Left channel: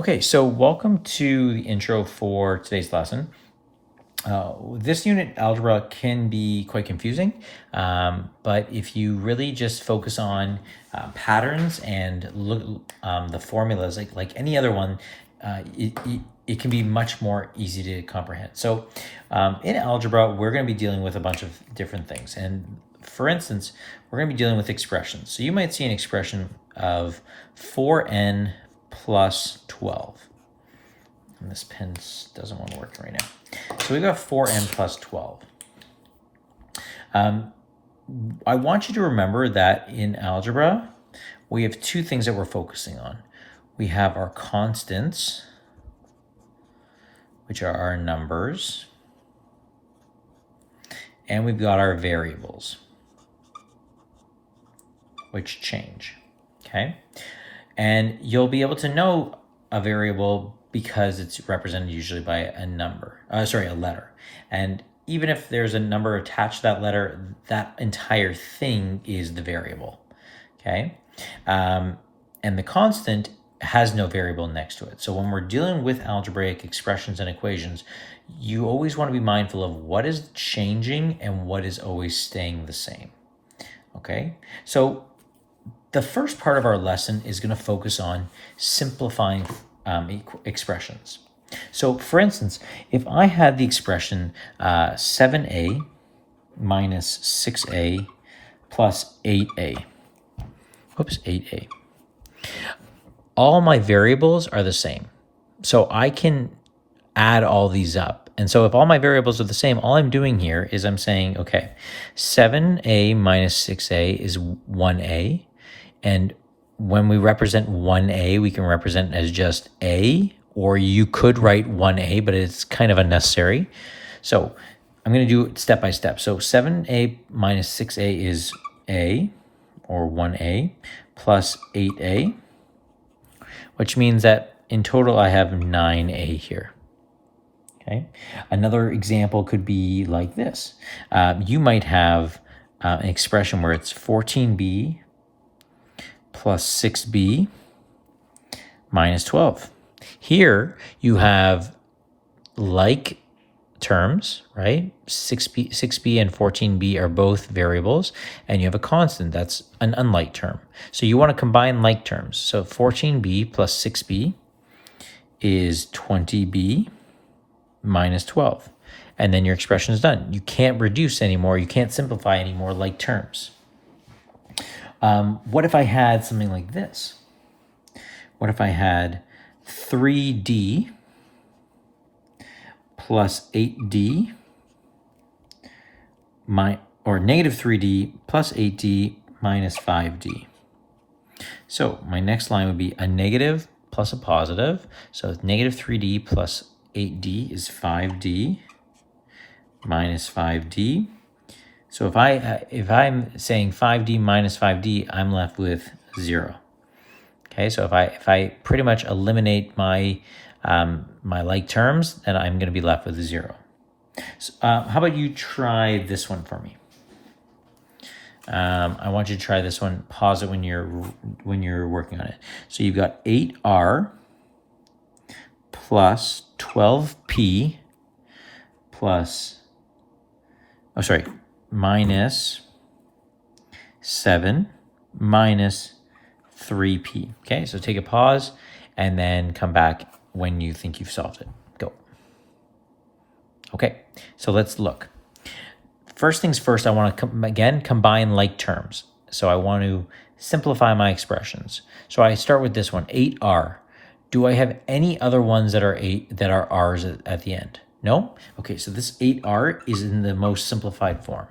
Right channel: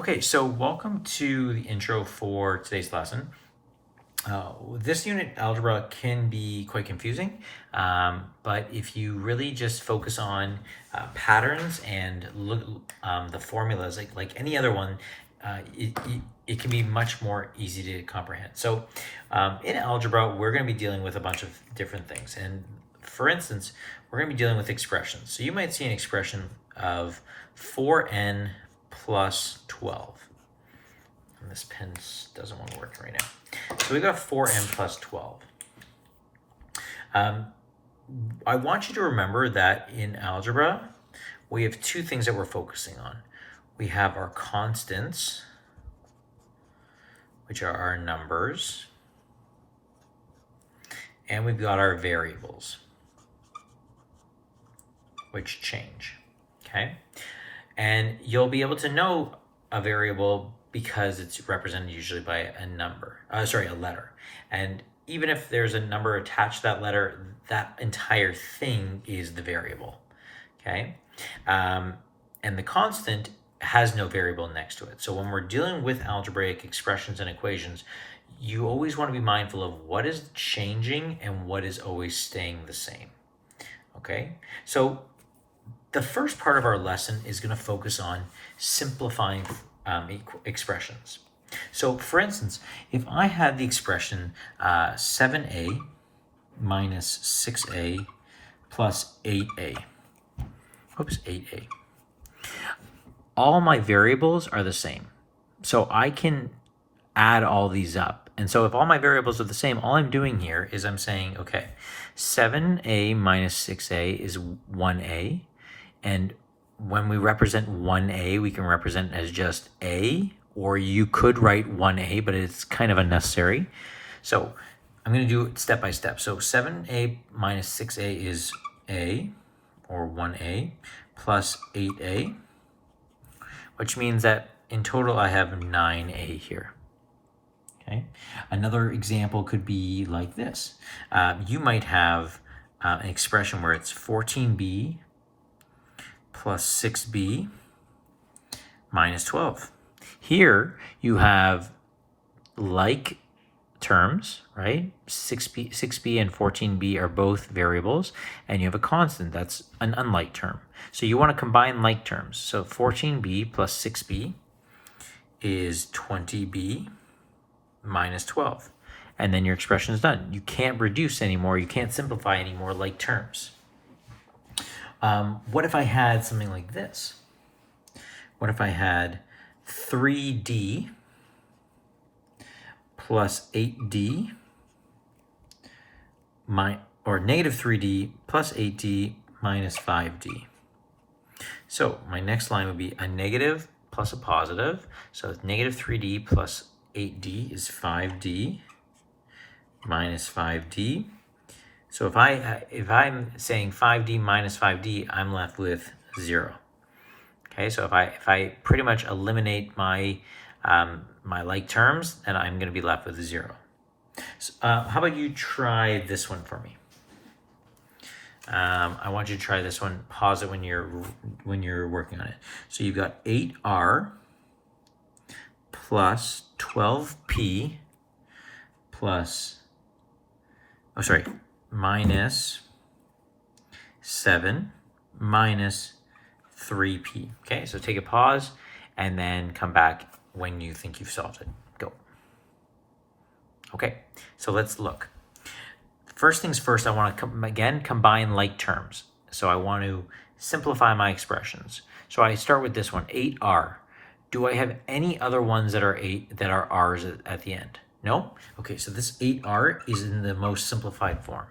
Okay, so welcome to the intro for today's lesson. This unit, algebra, can be quite confusing, but if you really just focus on patterns and look the formulas like any other one, it can be much more easy to comprehend. So in algebra, we're going to be dealing with a bunch of different things. And for instance, we're going to be dealing with expressions. So you might see an expression of 4n plus 12. And this pen doesn't want to work right now. So we've got 4n plus 12. I want you to remember that in algebra, we have two things that we're focusing on. We have our constants, which are our numbers, and we've got our variables, which change, okay? And you'll be able to know a variable because it's represented usually by a letter. And even if there's a number attached to that letter, that entire thing is the variable, okay? And the constant has no variable next to it. So when we're dealing with algebraic expressions and equations, you always want to be mindful of what is changing and what is always staying the same, okay? So the first part of our lesson is going to focus on simplifying expressions. So for instance, if I had the expression 7a minus 6a plus 8a, 8a, all my variables are the same. So I can add all these up. And so if all my variables are the same, all I'm doing here is I'm saying, okay, 7a minus 6a is 1a. And when we represent 1a, we can represent it as just a, or you could write 1a, but it's kind of unnecessary. So I'm going to do it step by step. So 7a minus 6a is a, or 1a, plus 8a, which means that in total I have 9a here. Okay. Another example could be like this. You might have an expression where it's 14b plus 6b minus 12. Here you have like terms, right? 6b and 14b are both variables, and you have a constant that's an unlike term. So you want to combine like terms. So 14b plus 6b is 20b minus 12. And then your expression is done. You can't reduce anymore. You can't simplify anymore like terms. What if I had something like this? What if I had 3d plus 8d or negative 3d plus 8d minus 5d? So my next line would be a negative plus a positive. So negative 3d plus 8d is 5d minus 5d. So if I'm saying 5d minus 5d, I'm left with 0. Okay, so if I pretty much eliminate my my like terms, then I'm going to be left with 0. So, how about you try this one for me? I want you to try this one. Pause it when you're working on it. So you've got 8r plus 12p plus minus 7 minus 3p. Okay, so take a pause and then come back when you think you've solved it. Go. Okay, so let's look. First things first, I want to combine like terms. So I want to simplify my expressions. So I start with this one, 8r. Do I have any other ones that are r's at the end? No? Okay, so this 8r is in the most simplified form.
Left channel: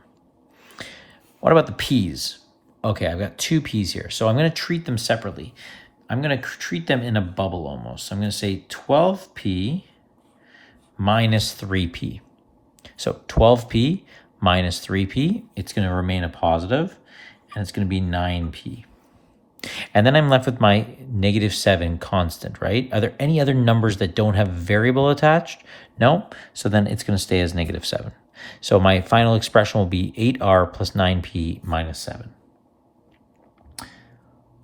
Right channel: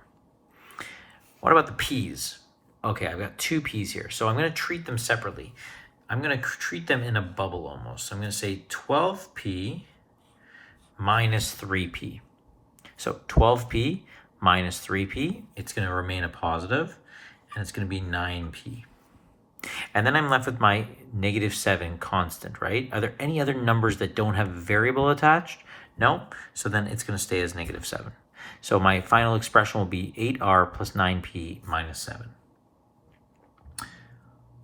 What about the p's? Okay, I've got two p's here. So I'm going to treat them separately. I'm going to treat them in a bubble almost. So I'm going to say 12p minus 3p. So 12p minus 3p, it's going to remain a positive, and it's going to be 9p. And then I'm left with my negative 7 constant, right? Are there any other numbers that don't have a variable attached? No? So then it's going to stay as negative 7. So my final expression will be 8r plus 9p minus 7.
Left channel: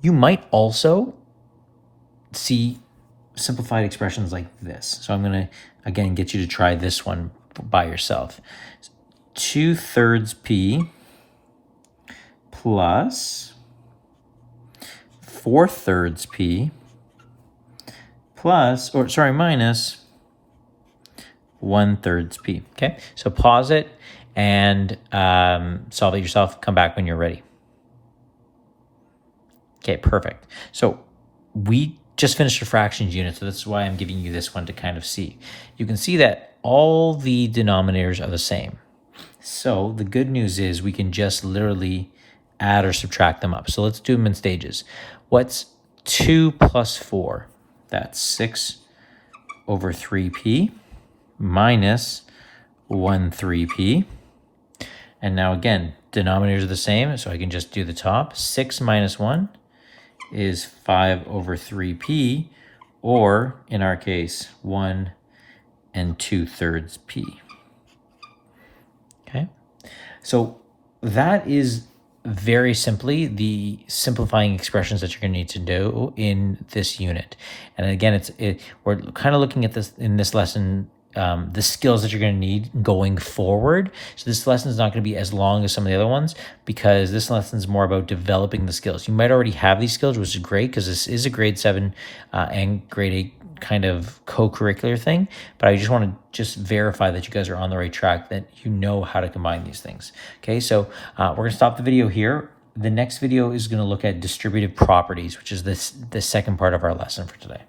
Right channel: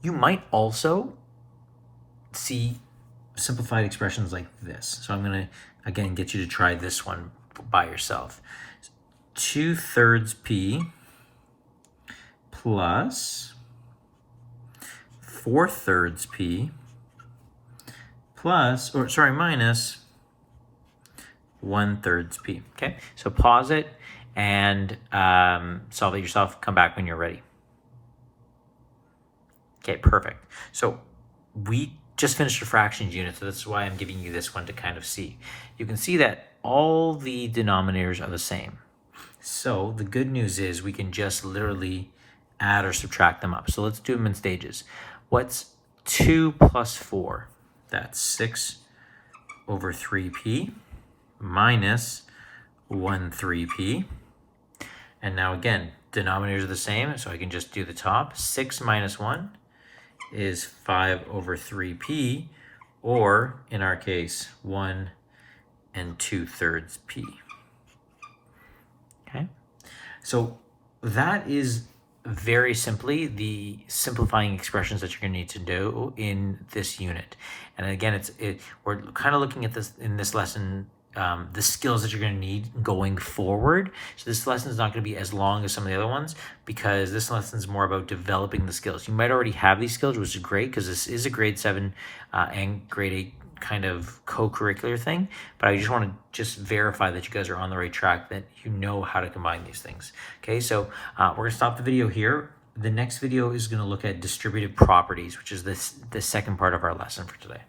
You might also see simplified expressions like this. So I'm going to, again, get you to try this one by yourself. 2/3 p plus 4/3 p plus, or sorry, minus 1/3 p. Okay, so pause it and solve it yourself. Come back when you're ready. Okay, perfect. So we just finished a fractions unit, so that's why I'm giving you this one to kind of see. You can see that all the denominators are the same. So the good news is we can just literally add or subtract them up. So let's do them in stages. What's 2 plus 4? That's 6/3p minus 1/3p. And now again, denominators are the same, so I can just do the top. 6 minus 1 is 5/3p, or in our case, 1 2/3 p. Okay, so that is very simply the simplifying expressions that you're going to need to do in this unit. And again, we're kind of looking at this in this lesson, the skills that you're going to need going forward. So this lesson is not going to be as long as some of the other ones, because this lesson is more about developing the skills. You might already have these skills, which is great because this is a grade 7 and grade 8 kind of co-curricular thing, but I just want to verify that you guys are on the right track, that you know how to combine these things. Okay, so we're going to stop the video here. The next video is going to look at distributive properties, which is the second part of our lesson for today.